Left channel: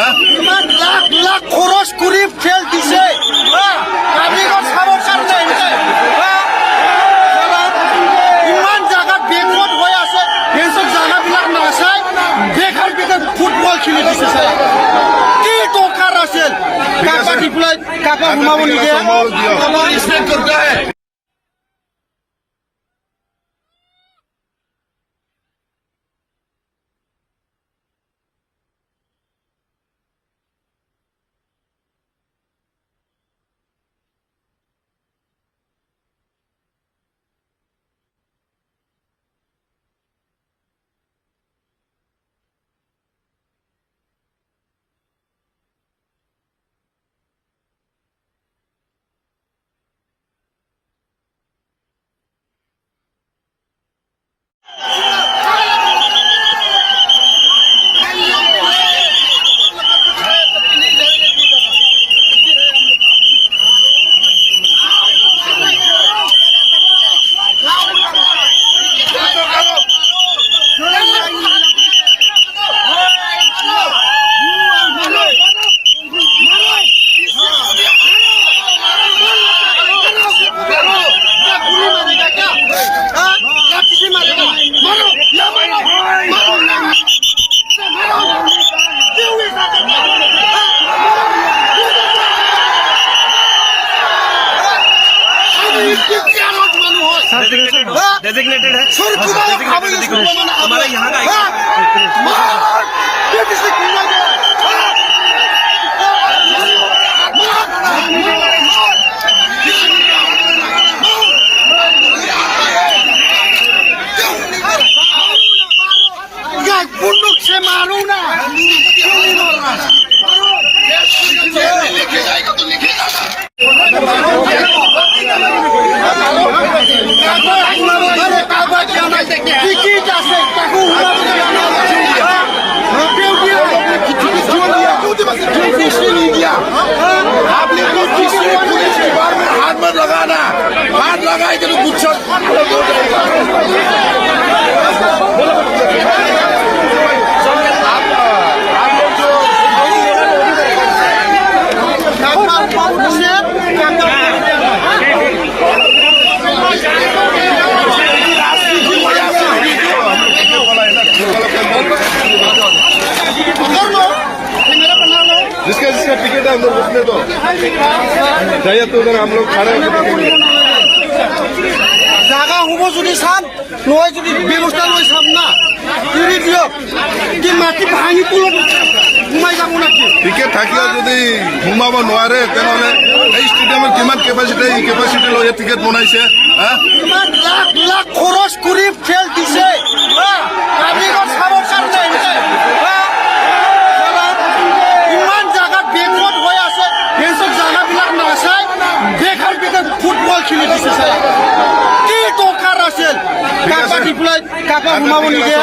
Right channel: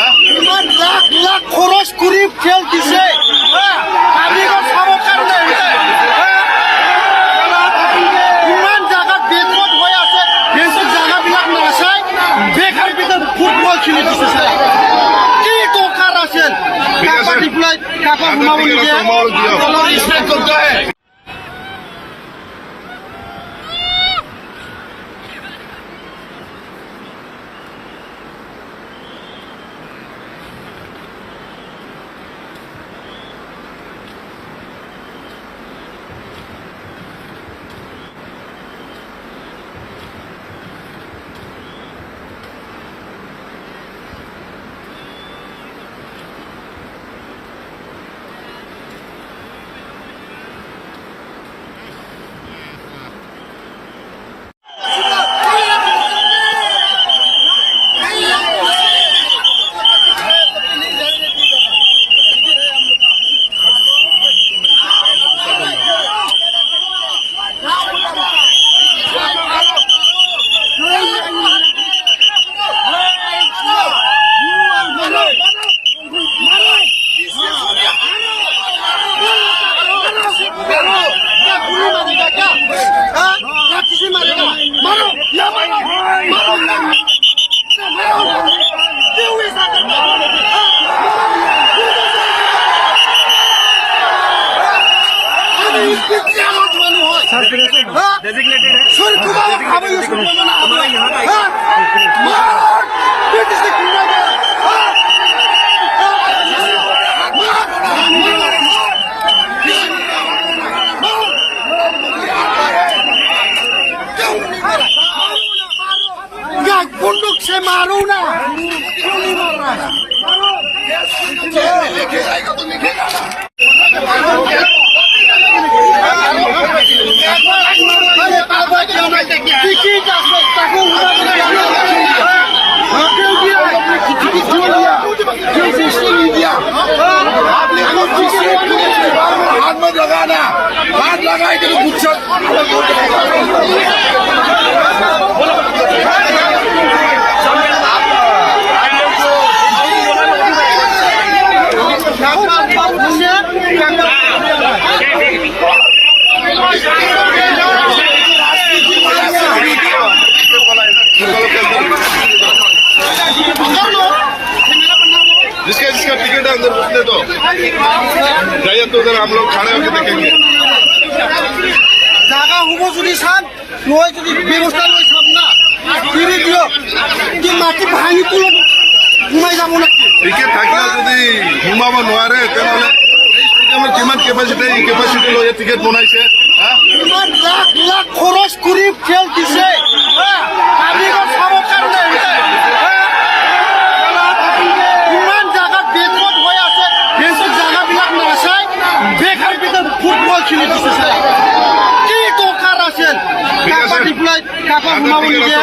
ইমান লাখ লাখ খৰচ কৰি খেল দিছে কামীগঞ্জ চাবৰ কাৰণে ইমান জাগা বেকত হৈ আছে সেই জাগাবিলাক নাচাই বেকাৰ বেকাৰ ফুটবল খেলি দিছে চালা কি দৰকাৰ আছিল কাপা দি পেলাই কাপা সোমাব নিদিয়ে ষ্টেট কৰতা হে bunduk se maruna টিকিট আছে তাকো आपने को किसी ने पुलिस की बार में हाथ मत लगाना हाथ लगाए तो गुच्छा जिसका जिसका टिकट है अंदर घुसने दो जाइए तो उधर हम लोग खड़े होकर देखेंगे জায়গা হবো যদি চান নয় যদি ব্যৱস্থা লৈ চাম না ফিৰি দিয়ক কি মাটি ভাঙি পুলক ঘুমাই যাব নেকি টিকেট থাকিলে যদি ঘুমাব নোৱাৰে তেনেহ'লে এই ষ্টেডিয়ামৰ কিমান কেপাচিটি লৈ টিকেট বনাইছে ইমান লাখ লাখ খৰচ কৰি খেল দিছে কামীগঞ্জ চাবৰ কাৰণে ইমান জাগা বেকত হৈ আছে সেই জাগাবিলাক নাচাই বেকাৰ বেকাৰ ফুটবল খেলি দিছে চালা কি দৰকাৰ আছিল কাপা দি পেলাই কাপা সোমাব নিদিয়ে